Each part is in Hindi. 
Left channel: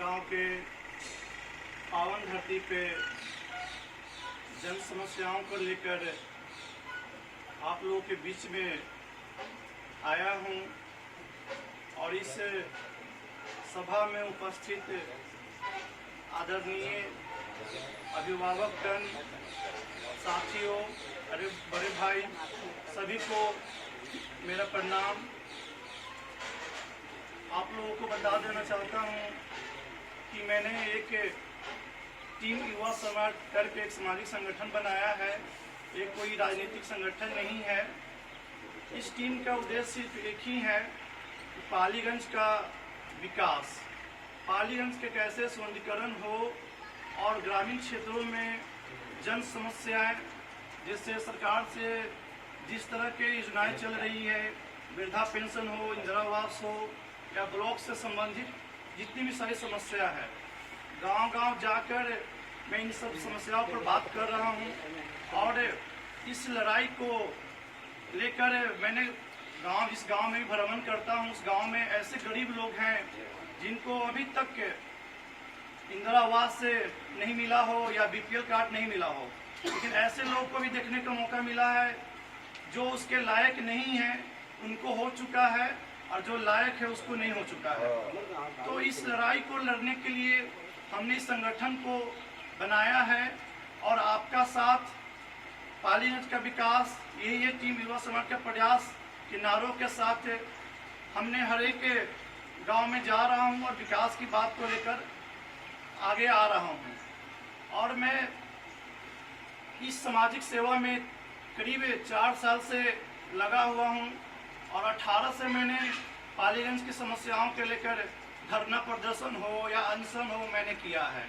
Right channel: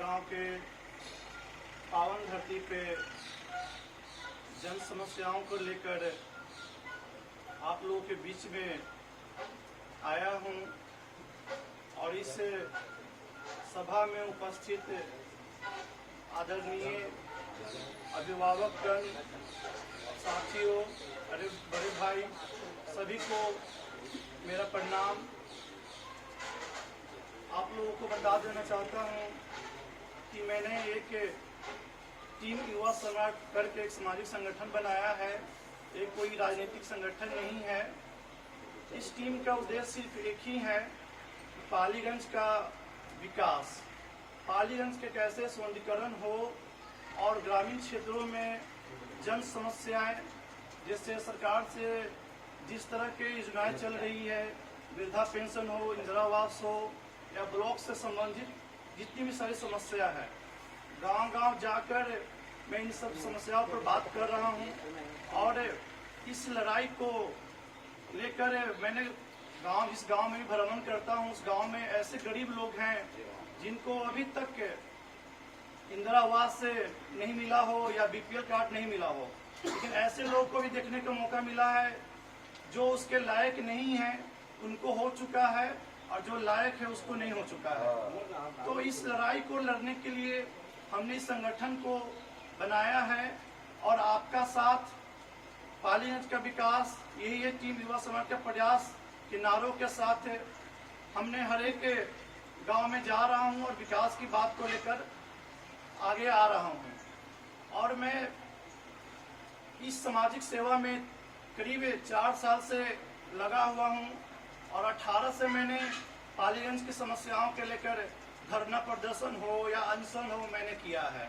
गांव के पावन धरती पे जन समस्याओं को लेकर आप लोगों के बीच में आया हूं और इस सभा में उपस्थित आदरणीय अभिभावकगण, साथियों, अरे बड़े भाई, सभी को मेरा प्रणाम। आप लोगों को बता देना चाहता हूं कि मैंने एक टीम युवा समाज करके एक सामाजिक संगठन बनाया है। ये कोई राजनीतिक संगठन नहीं है। इस टीम का उद्देश्य सिर्फ एक ही है कि पालीगंज का विकास, पालीगंज के कैसे सौंदर्यीकरण हो और ग्रामीण क्षेत्रों में जन समस्याएं, जैसे सरकार से जिस तरह की योजनाएं चल रही है, वृद्धा पेंशन हो, इंदिरा आवास हो या ब्लॉक से संबंधित जितनी भी सारी समस्या है, गांव-गांव जाकर मैं इन सब समस्याओं पर बात कर रहा हूं। और इस लड़ाई को लेकर मैंने जिस गांव में भी भ्रमण करता हूं, उस गांव में ऐसे गरीब लोग हैं जिनको अभी तक इंदिरा आवास से नहीं मिला हो या बीपीएल कार्ड नहीं मिला हो, लेकिन ऐसे लोग को भी देखने का मौका मिला है जो उसके लायक नहीं है, उनको हो चुका है, और जो लायक है उसको नहीं हो चुका है। तो इस लड़ाई को लड़ने के लिए हमने इस संगठन को बनाया है और आपका साथ, पालीगंज का विकास, यही है टीम युवा समाज का प्रयास के नारों के साथ हमने हर एक गांव में जा रहा हूं और विकास की बात को लेकर आगे आ रहा हूं। और मैं इस सामाजिक सेवा में करीब 4 साल से लगा हुआ हूं और 18 से मैंने पालीगंज की समस्याओं के लेकर धरना प्रदर्शन हो या अनशन हो मैंने किया है,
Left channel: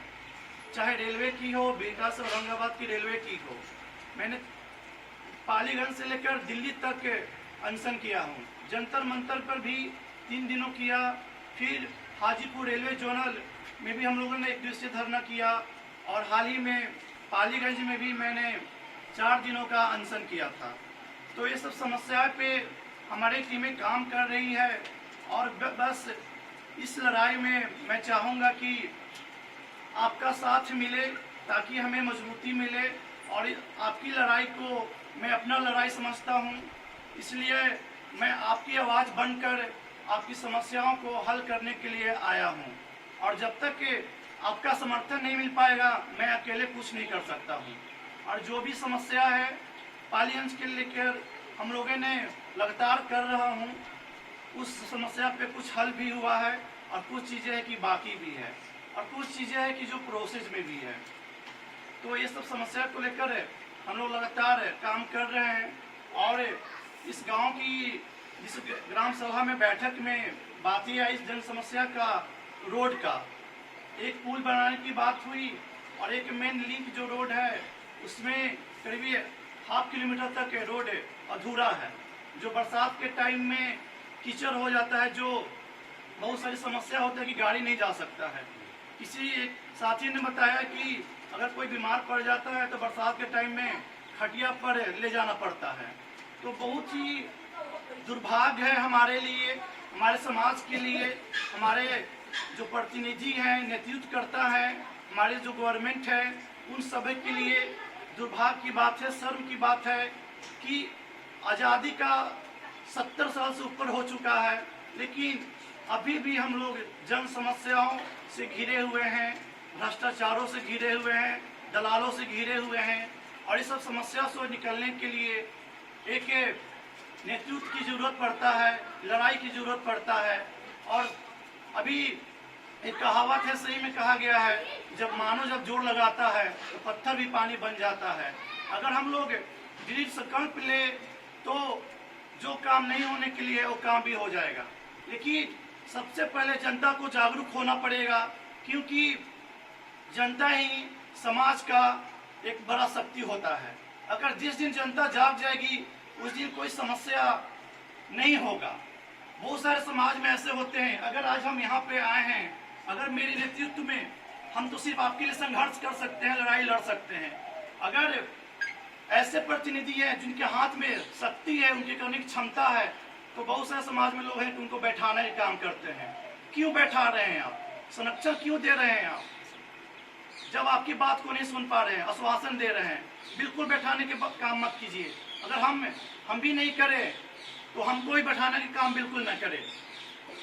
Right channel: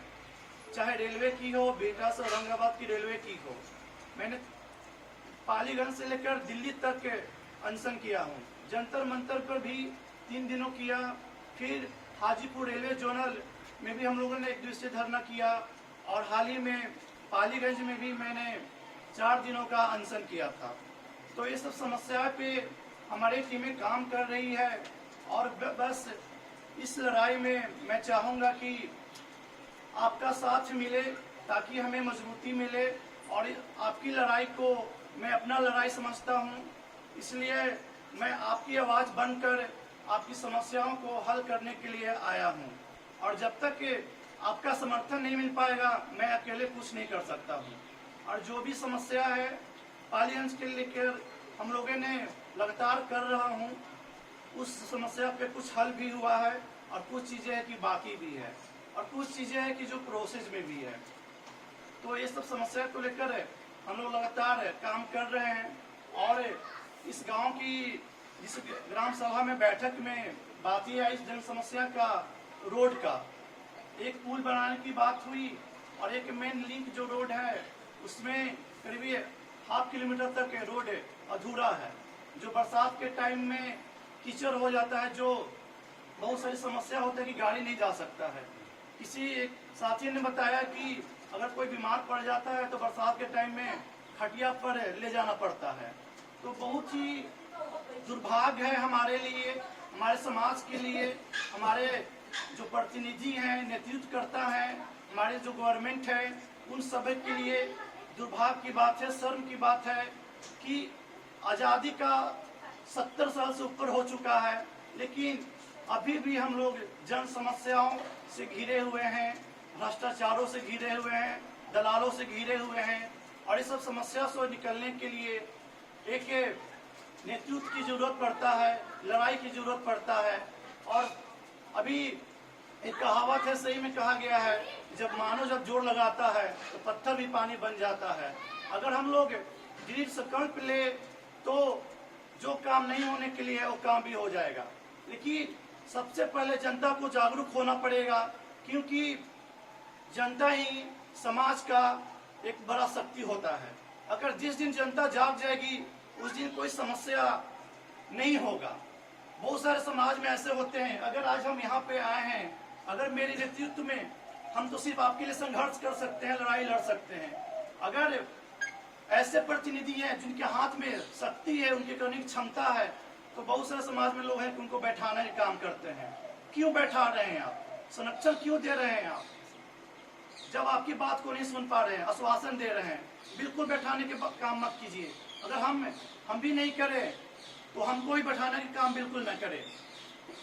चाहे रेलवे की हो, बिहटा से औरंगाबाद की रेलवे की हो। मैंने पालीगंज से लेकर दिल्ली तक अनशन किया हूँ। जंतर मंतर पर भी 3 दिनों किया, फिर हाजीपुर रेलवे जोनल में भी हम लोगों ने 1 दिवसीय धरना किया और हाल ही में पालीगंज में भी मैंने 4 दिनों का अनशन किया था। तो ये सब समस्या पे हमारी टीमें काम कर रही है और बस इस लड़ाई में मैं चाहूँगा कि आपका साथ मिले ताकि हमें मजबूती मिले, और आपकी लड़ाई को मैं अपना लड़ाई समझता हूँ, इसलिए मैं आपकी आवाज़ बनकर आपकी समस्याओं को हल करने के लिए आया हूँ। और जब तक आपका समर्थन नहीं मिल पाएगा मैं अकेले कुछ नहीं कर सकता हूँ। और जो भी समस्या है पालीगंज के लेकर हम लोगों ने लगातार कर रहा हूँ, उस समस्या पे कुछ हल भी हुआ है और कुछ चीज़ें हैं कि बाकी भी है और कुछ चीज़ें हैं कि जो प्रोसेस में भी है। तो ये सब समस्या को लेकर हम लोग लगातार काम कर रहे हैं। और इस गांव की जिस ग्राम सभा में बैठक में बात ही आई जन समस्या का, रोड का, एक पुल बनाने की बात हुई और एक मेन लिंक जो रोड है उसमें करीब 1/2 किलोमीटर तक रोड अधूरा है, जो बरसात के टाइम में कीचड़ हो जाता है, जो बहुत सारी समस्या होता है कि गाड़ी नहीं जा सकता है। किसी एक साथी ने बताया कि अगर कोई बीमार पड़ जाता है तो बरसात के टाइम में खटिया पर ले जाना पड़ता है। तो बहुत ही दुर्भाग्य है हमारे लिए, हमारे समाज के लिए, हमारे जो प्रतिनिधि हैं, नेतृत्वकर्ता हैं, हमारे जो गवर्नमेंट है, उन सभी के लिए दुर्भाग्य की बात है, शर्म की बात है कि आज़ादी का 70 साल से ऊपर हो चुका है, लेकिन अभी भी हम लोग जन समस्याओं से घिरे हुए हैं, भ्रष्टाचारों से घिरे हुए हैं, दलालों से घिरे हुए हैं। और इस सब समस्या से निकलने के लिए एक नेतृत्व की जरूरत पड़ता है, लड़ाई की जरूरत पड़ता है। और अभी एक कहावत है, सही में कहा गया है, जब जोर लगाता है तो पत्थर भी पानी बन जाता है। अगर हम लोग दृढ़ संकल्प ले तो जो काम नहीं होने के लिए है वो काम भी हो जाएगा। लेकिन सबसे पहले जनता को जागरूक होना पड़ेगा, क्योंकि जनता ही समाज का एक बड़ा शक्ति होता है। अगर जिस दिन जनता जाग जाएगी उस दिन कोई समस्या नहीं होगा। बहुत सारे समाज में ऐसे होते हैं, अगर आज हम यहाँ पे आए हैं, अगर मेरे नेतृत्व में, हम तो सिर्फ आपके लिए संघर्ष कर सकते हैं, लड़ाई लड़ सकते हैं। अगर ऐसे प्रतिनिधि हैं जिनके हाथ में शक्ति है, उनकी करने की क्षमता है, तो बहुत सारे समाज में लोग हैं कि उनको बैठाने का काम करते हैं। क्यों बैठा रहे हैं आप? संरक्षण क्यों दे रहे हैं आप, जब आपकी बात को नहीं सुन पा रहे हैं, आश्वासन दे रहे हैं? बिल्कुल बैठाने के काम मत कीजिए। अगर हम भी नहीं करें तो हमको ही बैठाने के काम बिल्कुल न करें।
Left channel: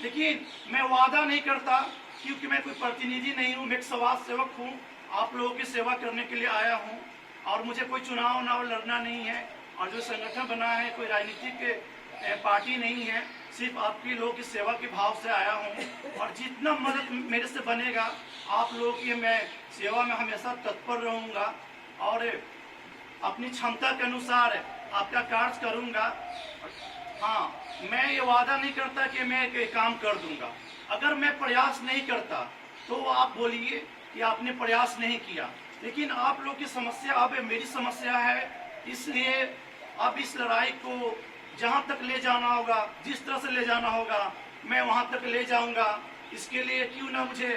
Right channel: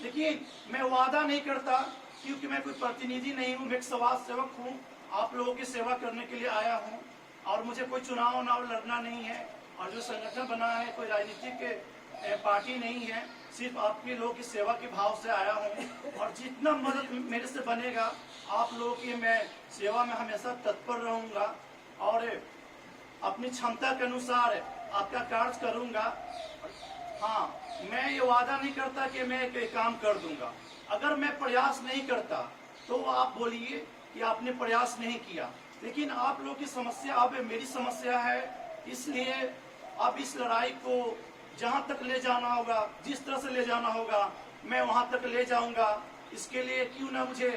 लेकिन मैं वादा नहीं करता, क्योंकि मैं कोई प्रतिनिधि नहीं हूँ, मैं एक समाज सेवक हूँ, आप लोगों की सेवा करने के लिए आया हूँ। और मुझे कोई चुनाव लड़ना नहीं है, और जो संगठन बना है कोई राजनीतिक पार्टी नहीं है, सिर्फ आपके लोगों की सेवा के भाव से आया हूँ। और जितना मदद मेरे से बनेगा आप लोगों की मैं सेवा में हमेशा तत्पर रहूँगा, और अपनी क्षमता के अनुसार आपका कार्य करूँगा। हाँ, मैं ये वादा नहीं करता कि मैं एक काम कर दूंगा। अगर मैं प्रयास नहीं करता तो आप बोलिए कि आपने प्रयास नहीं किया। लेकिन आप लोग की समस्या अब मेरी समस्या है, इसलिए अब इस लड़ाई को जहाँ तक ले जाना होगा, जिस तरह से ले जाना होगा, मैं वहाँ तक ले जाऊँगा। इसके लिए क्यों ना मुझे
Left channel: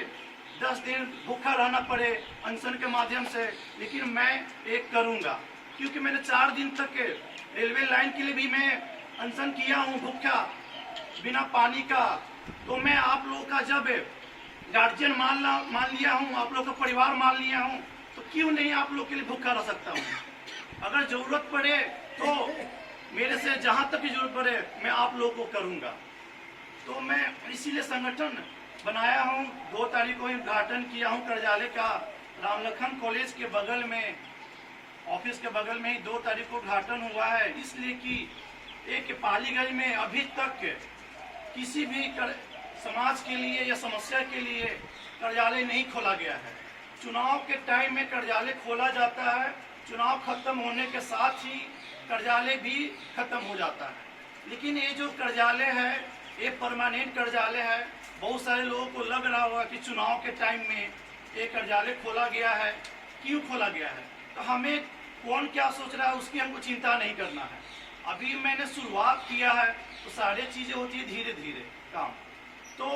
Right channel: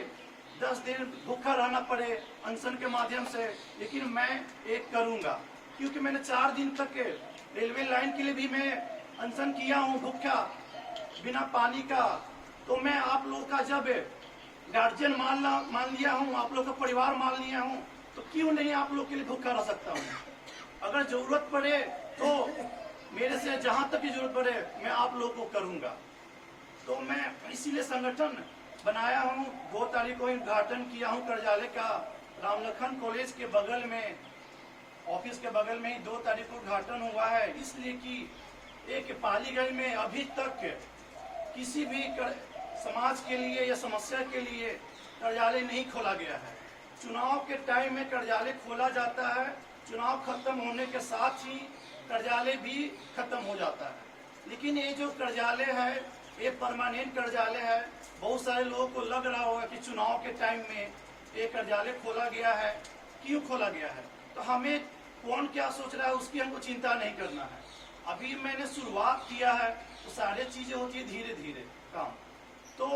10 दिन भूखा रहना पड़े अनशन के माध्यम से, लेकिन मैं एक करूँगा। क्योंकि मैंने 4 दिन तक रेलवे लाइन के लिए भी मैं अनशन किया हूँ, भूखा बिना पानी का। तो मैं आप लोगों का जब गार्जियन मान लिया हूँ, आप लोग का परिवार मान लिया हूँ, तो क्यों नहीं आप लोग के लिए भूखा रह सकता हूँ। अगर जरूरत पड़े तो मेरे से जहाँ तक भी जरूरत पड़े मैं आप लोग को करूँगा। तो मैं इसीलिए संगठन बनाया हूँ। 2 तारीख को उद्घाटन किया हूँ कार्यालय का, रामलखन कॉलेज के बगल में, ऑफिस के बगल में ही 2 तारीख को उद्घाटन हुआ है। इसलिए कि एक पालीगंज में अभी तक किसी भी समाज के लिए या समस्या के लिए कार्यालय नहीं खोला गया है। चुनाव के टाइम में कार्यालय खोला जाता है, चुनाव खत्म होने के साथ ही कार्यालय भी खत्म हो जाता है। लेकिन ये जो कार्यालय है ये परमानेंट कार्यालय है। बहुत सारे लोगों को लग रहा होगा कि चुनाव के टाइम में ये कार्यालय खोला गया है, क्यों खोला गया है। तो हमें कौन क्या सोच रहा है उसकी हमको चिंता नहीं करना है। अभी मैंने शुरुआत किया है, तो सारी चीज़ें होती है धीरे धीरे काम। तो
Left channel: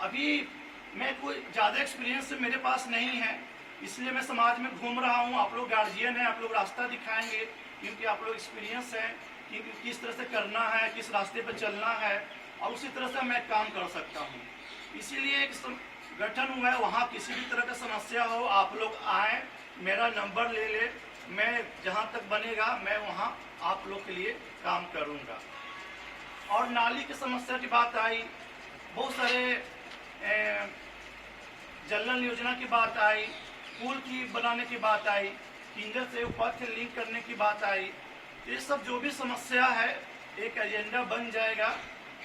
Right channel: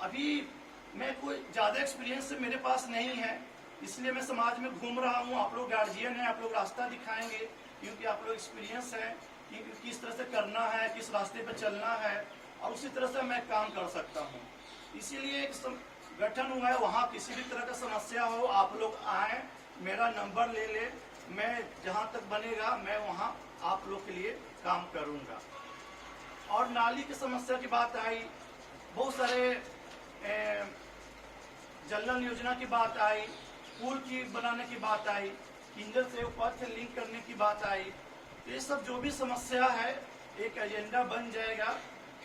अभी मैं कोई ज़्यादा एक्सपीरियंस मेरे पास नहीं है, इसलिए मैं समाज में घूम रहा हूँ। आप लोग गार्जियन हैं, आप लोग रास्ता दिखाएंगे, क्योंकि आप लोग एक्सपीरियंस हैं कि किस तरह से करना है, किस रास्ते पर चलना है, और उसी तरह से मैं काम कर सकता हूँ। इसीलिए एक गठन हुआ है। वहाँ किसी भी तरह का समस्या हो आप लोग आए, मेरा नंबर ले ले, मैं जहाँ तक बनेगा मैं वहाँ आप लोग के लिए काम करूँगा। और नाली की समस्या की बात आई, बहुत सारे जल नल योजना की बात आई, पुल की बनाने की बात आई, केंद्र से उपाध्याय लिंक करने की बात आई। ये सब जो भी समस्या है एक एजेंडा बन जाएगा,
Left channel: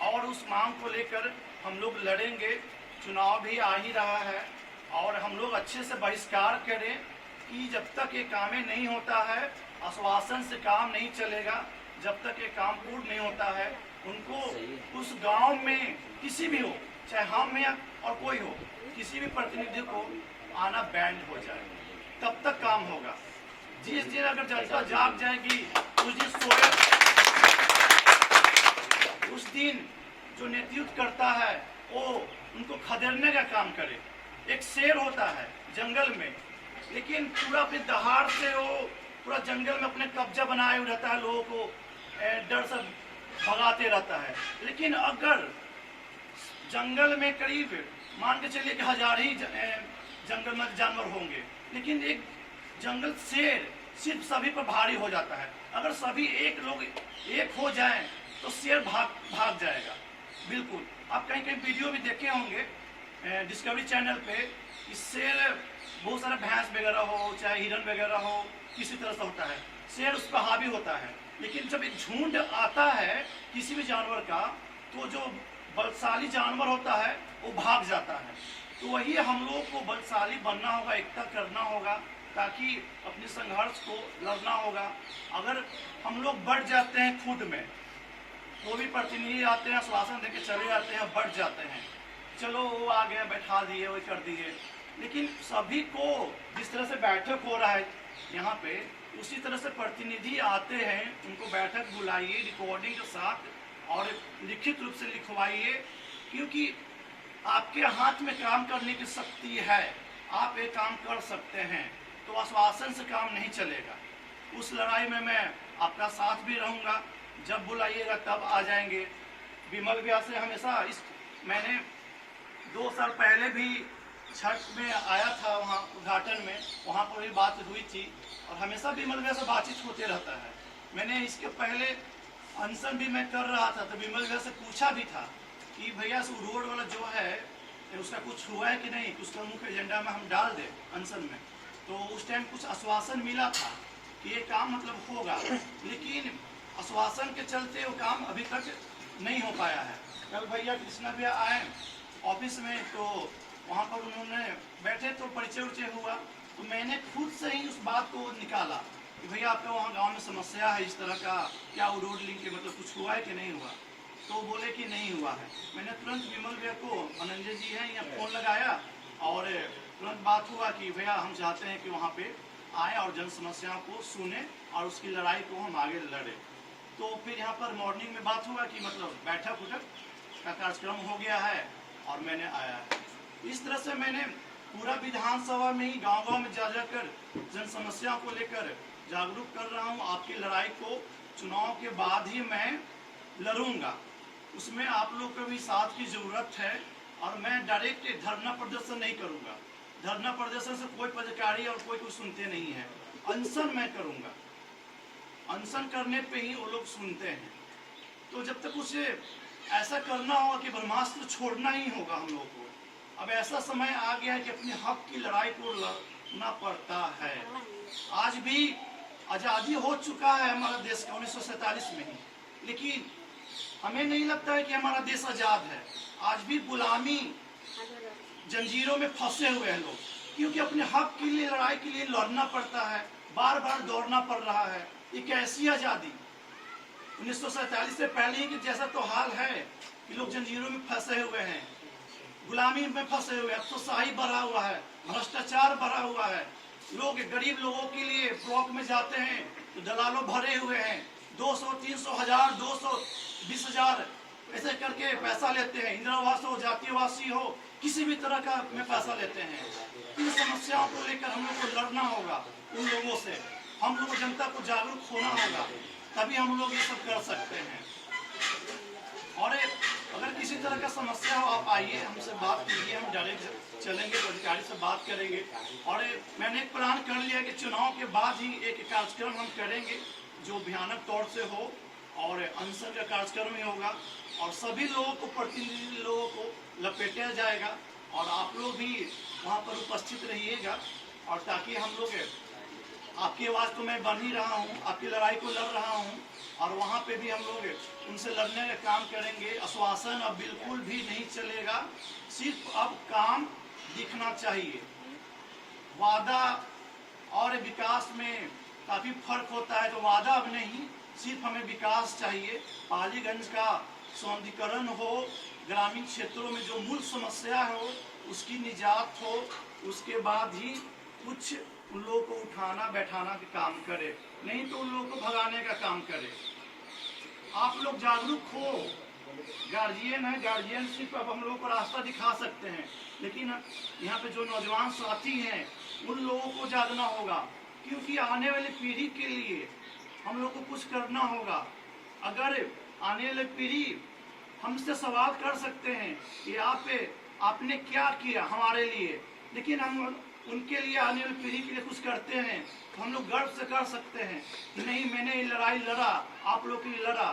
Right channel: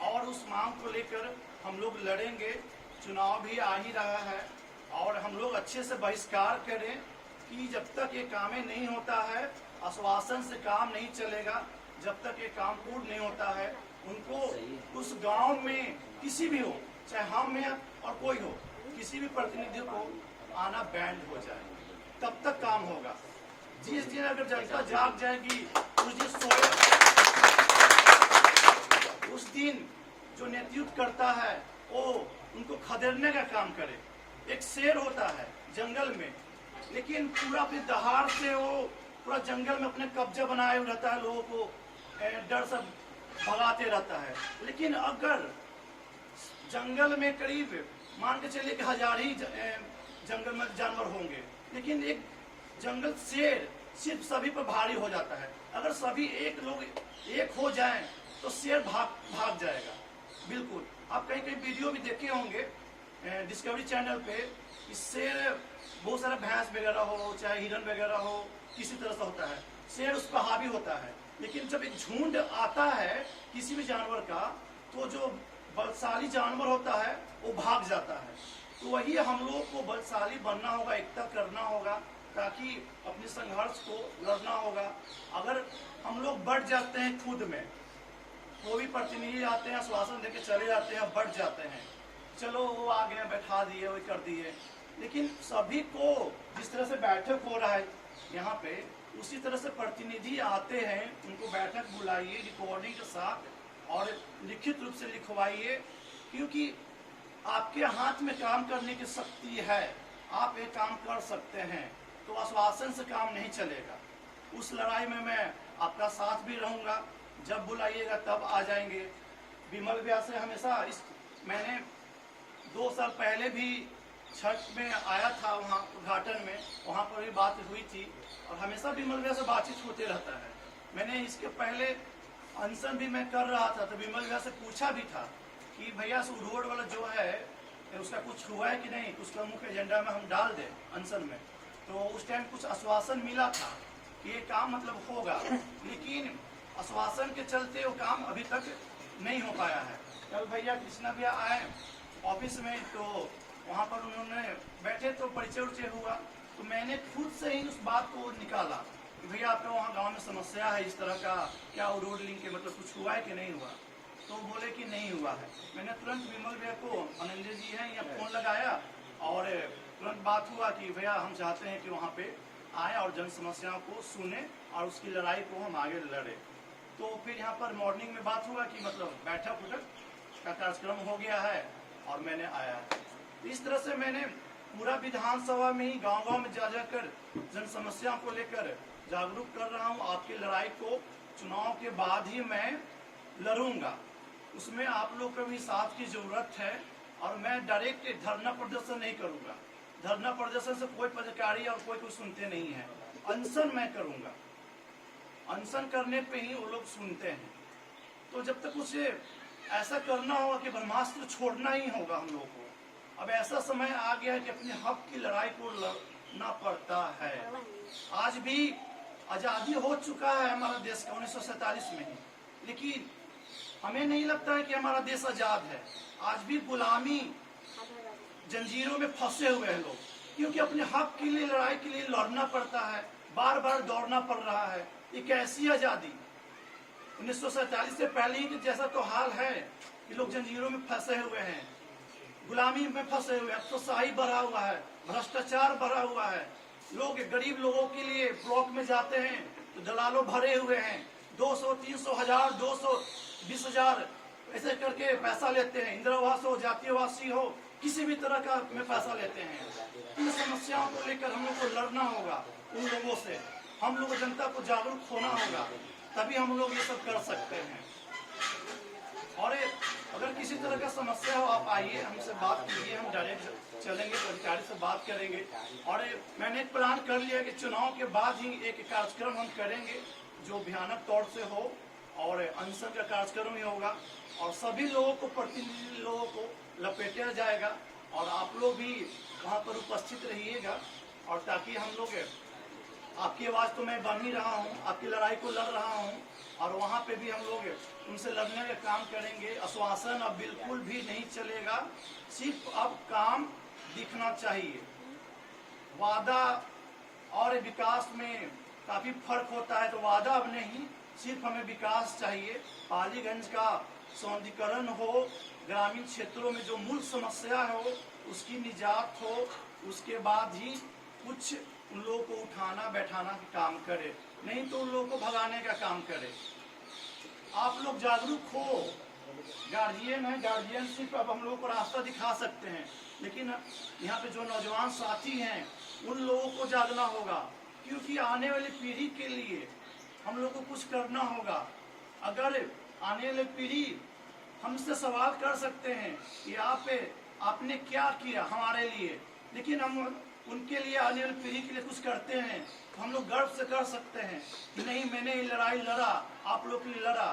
और उस मांग को लेकर हम लोग लड़ेंगे। चुनाव भी आ ही रहा है, और हम लोग अच्छे से बहिष्कार करें कि जब तक ये काम नहीं होता है, आश्वासन से काम नहीं चलेगा। जब तक ये काम पूर्ण नहीं होता है, उनको उस गांव में किसी भी हो, चाहे हम या और कोई हो, किसी भी प्रतिनिधि को आना बैंड हो जाए, तब तक काम होगा। जिस दिन अगर जनता जाग जाएगी, उस दिन उस दिन जो नेतृत्व करता है वो उनको खदेड़ने का काम करे। एक शेर होता है जंगल में, लेकिन पूरा अपने दहाड़ से वो पूरा जंगल में अपने कब्जा बनाए हुए रहता है, लोगों को डर से भगाते रहता है। लेकिन अगर जंगल में करीब मान के चलिए कि 1000 ही जंगल में जानवर होंगे, लेकिन एक जंगल शेर सिर्फ सभी पर भारी हो जाता है। अगर सभी लोग एक हो जाएं तो शेर भाग जाएगा। बिल्कुल, आप कहीं कहीं वीडियो भी देखे होंगे डिस्कवरी चैनल पे, इससे बहुत सारा भैंस वगैरह हो, चाहे हिरन वगैरह हो, किसी तरह से होता है, शेर उस पर हावी होता है। लेकिन जब एक झुंड आता है किसी भी जानवर का, तो जो बलशाली जानवर होता है वो भाग जाता है। तो वही हम लोग को बलशाली बनना होगा, एकता करना होगा, ताकि अपने संघर्ष को लड़ना होगा। अगर हम लोग बढ़ जाते हैं खुद में, वो भी प्रतिनिधि आते हैं, आश्वासन देके चले जाते हैं, बढ़ जाते हैं, चलो वो आ गए, बैठा दिए, वो कर दिए। लेकिन सभी को जिस तरह से बैठक हो रहा है यहाँ पे, उसी तरह से प्रतिनिधि आते हैं, उनको बैठक बुलाइए रिकॉर्डिंग के साथ, और लिखित रूप से लिखवाइए, क्योंकि आपके हाथ में काम करने की शक्ति है, आप ये काम कर सकते हैं। तो आश्वासन से काम नहीं चलेगा। उस लड़ाई में मैं आपका साथ भी रहूँगा, जब बुलाइएगा तब आ जाएंगे। विमल व्यास से हमेशा मैंने 2 साल पहले भी छठ में आया था, वहाँ उद्घाटन में, वहाँ पर भी बात हुई थी और हमेशा विमल भैया से बातचीत होते रहता है। मैंने इसके पहले अनशन भी मैं कर रहा था तो विमल भैया से पूछा भी था कि भैया से रोड वाला जो है उसका कुछ हुआ है कि नहीं, उसका मुख्य एजेंडा में हम डाल दें अनशन में। तो उस टाइम कुछ आश्वासन मिला था कि ये काम मतलब होगा, लेकिन आश्वासन के चलते वो काम अभी तक नहीं हो पाया है। कल भैया कृष्णा भैया आए ऑफिस में, तो वहाँ पर उन्होंने बैठे तो परिचय उचय हुआ, तो मैंने खुद से ही उस बात को निकाला कि भैया आपका वहाँ गांव में समस्या है इस तरह का, क्या वो रोड लिंक के मतलब कुछ हुआ है कि नहीं हुआ। तो बोले कि नहीं हुआ है। मैंने तुरंत विमल भैया को, अनंजय जी हैं, यहाँ फ़ोन लगाया और तुरंत बात हुआ कि भैया हम चाहते हैं कि वहाँ पे आए और जन समस्याओं को सुने और उसकी लड़ाई को हम आगे लड़े। तो फिर यहाँ पर मॉर्निंग में बात हुआ कि मतलब बैठक उठक का कार्यक्रम हो गया है और मैंने आया। इस तरह से मैंने पूरा विधानसभा में ही गांव-गांव में जा जाकर जन समस्याओं को लेकर जागरूक कर रहा हूं। आपकी लड़ाई को चुनाव के बाद ही मैं लड़ूंगा, उसमें आप लोग को भी साथ की जरूरत है। और मैं डायरेक्ट धरना प्रदर्शन नहीं करूंगा, धरना प्रदर्शन से कोई पदाधिकारी और कोई सुनते नहीं है। अनशन मैं करूंगा, अनशन करने पे ही वो लोग सुनते हैं। तो जब तक उसे ऐसा करना होगा कि ब्रह्मास्त्र छोड़ना ही होगा हम लोग को। अब ऐसा समय आ गया है कि अपने हक की लड़ाई को लड़ना पड़ता है। आज भी आज़ादी हो चुका है हमारा देश का 1947 में ही, लेकिन हमें नहीं लगता है कि हमारा देश आज़ाद है। आज भी गुलामी जंजीरों में फंसे हुए हैं लोग, क्योंकि अपने हक के लिए, लड़ाई के लिए लड़ना पड़ता है, बार बार दौड़ना पड़ रहा है। ये कैसी आज़ादी? 1947 से पहले ही जैसा तो हाल है कि लोग जंजीरों में फंसे हुए हैं, गुलामी में फंसे हुए हैं। अब तो शाही बढ़ा हुआ है, भ्रष्टाचार बढ़ा हुआ है। लोग गरीब लोगों के लिए ब्लॉक में जाते हैं तो दलालों भरे हुए हैं, 200, 300, 1000, 200, 20,000 ऐसे करके पैसा लेते हैं। इंदिरा आवास हो, जातीय आवासी हो, किसी भी तरह का में पैसा लेते हैं। इन समस्याओं को लेकर हम लोग को लड़ना होगा उन लोगों से। हम लोग जनता को जागरूक होना होगा, तभी हम लोग ये सब कर सकते हैं। और अगर किसी तरह का समस्या हो, आप आइए, हमसे बात कीजिए, हम डायरेक्ट चलेंगे, अधिकारी से बात करेंगे। और मैंने एक प्लान कर लिया कि चुनाव के बाद ही एक कार्यक्रम हम करेंगे जो भयानक तौर से हो, और अनशन का कार्यक्रम ही होगा और सभी लोगों को, प्रतिनिधि लोगों को लपेटा जाएगा और आप लोग भी वहाँ पर उपस्थित रहिएगा। और ताकि हम लोग, आपकी आवाज़ तो मैं बन ही रहा हूँ, आपकी लड़ाई को लड़ रहा हूँ और वहाँ पे भी हम लोग उनसे लड़ने का काम करेंगे। आश्वासन अब बिल्कुल भी नहीं चलेगा, सिर्फ अब काम दिखना चाहिए। वादा और विकास में काफ़ी फर्क होता है, तो वादा अब नहीं, सिर्फ हमें विकास चाहिए। पालीगंज का सौंदर्यीकरण हो, ग्रामीण क्षेत्रों में जो मूल समस्या हो उसकी निजात हो, उसके बाद ही कुछ उन लोगों को उठाना बैठाना का काम करे, नहीं तो उन लोगों को भगाने का काम करे। आप लोग जागरूक हो, गार्जियन है, गार्जियन सिर्फ अब हम लोगों को रास्ता दिखा सकते हैं, लेकिन यहाँ पे जो नौजवान साथी हैं उन लोगों को जागना होगा, क्योंकि आने वाली पीढ़ी के लिए हम लोग को कुछ करना होगा। अगर आने वाली पीढ़ी हमसे सवाल कर सकते हैं कि आपने क्या किया हमारे लिए, लेकिन हम उनके लिए, आने वाली पीढ़ी के लिए कुछ करते हैं, तो हम लोग गर्व से कर सकते हैं कि नहीं, मैंने ये लड़ाई लड़ा, आप लोग के लिए लड़ा।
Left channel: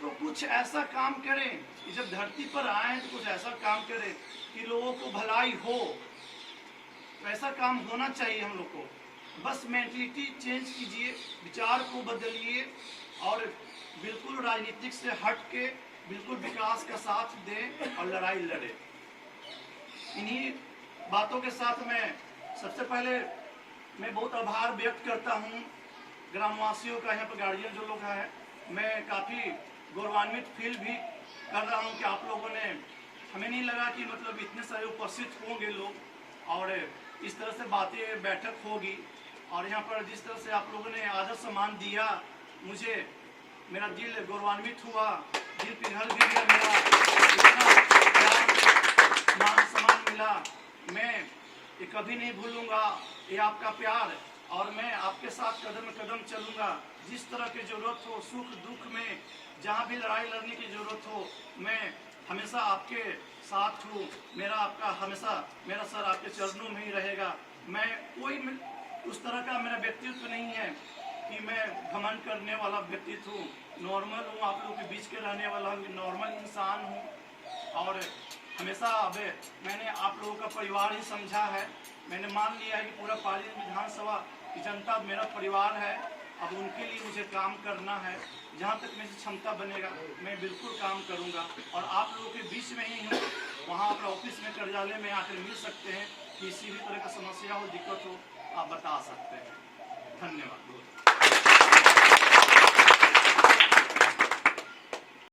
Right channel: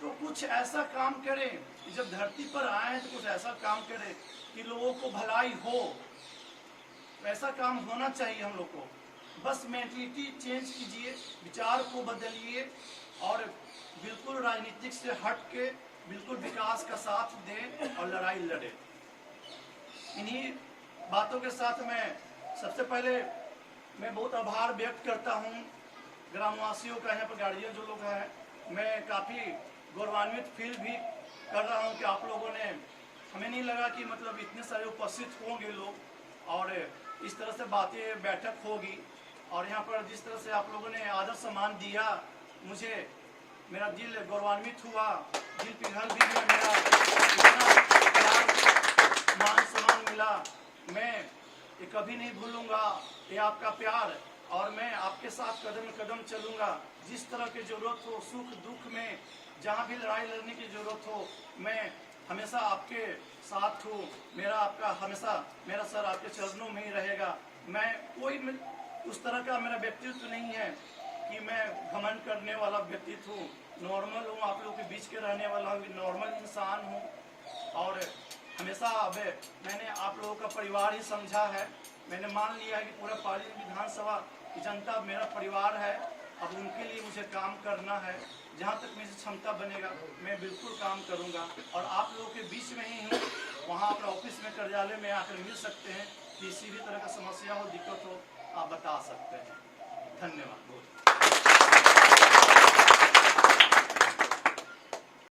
तो कुछ ऐसा काम करें कि जब धरती पर आए हैं तो कुछ ऐसा काम करें कि लोगों को भलाई हो। तो ऐसा काम होना चाहिए हम लोग को। बस मेंटलिटी चेंज कीजिए, विचार को बदलिए और बिल्कुल राजनीतिक से हट के बिल्कुल विकास का साथ दें और लड़ाई लड़े। इन्हीं बातों के साथ मैं सबसे पहले मैं बहुत आभार व्यक्त करता हूँ ग्रामवासियों का, यहाँ पर गार्जियन जो लोग हैं। मैं काफ़ी गौरवान्वित फील भी कर रहा हूँ कि आप लोगों ने, हमें नहीं लगा कि मतलब इतने सारे उपस्थित होंगे लोग और इस तरह से बातें बैठक होगी। और यहाँ पर जिस तरह से आप लोगों ने आदर सम्मान दिया, मुझे मेरा दिल गौरवान्वित हुआ, दिल पिघल भी मिला, इतना प्यार मान सम्मान मिला। मैं ये कभी नहीं भूलूंगा ये आपका प्यार, और मैं आपके साथ कदम कदम चलूंगा। जिस तरह की ज़रूरत हो, सुख दुख में, जहाँ भी लड़ाई लड़ने की ज़रूरत हो, मैं हमेशा आपके साथ हूँ। मेरा सर आपके चरणों में ही रहेगा। मैं उस तरह का मेरा व्यक्तित्व नहीं है कि मैं घमंड करने वाला व्यक्तित्व हूँ। नॉर्मल हूँ, आप लोगों के बीच के रहने वाला हूँ, नॉर्मल इंसान हूँ। और हमेशा अब मैंने आप लोगों का परिवार ही समझा है। मैंने मान लिया है कि पूरा पाली विधानसभा की जनता मेरा परिवार है। अब उनके लिए मुझे काम करना है। जहाँ तक मेरी क्षमता बनेगा मैं बिल्कुल काम करूँगा। और आप लोगों के बीच में ही हूँ, वहाँ अपना ऑफिस में, कार्यालय में आकर मिल सकते हैं। किसी भी तरह का समस्या हो, दिक्कत हो, आप बता सकते हैं। धन्यवाद।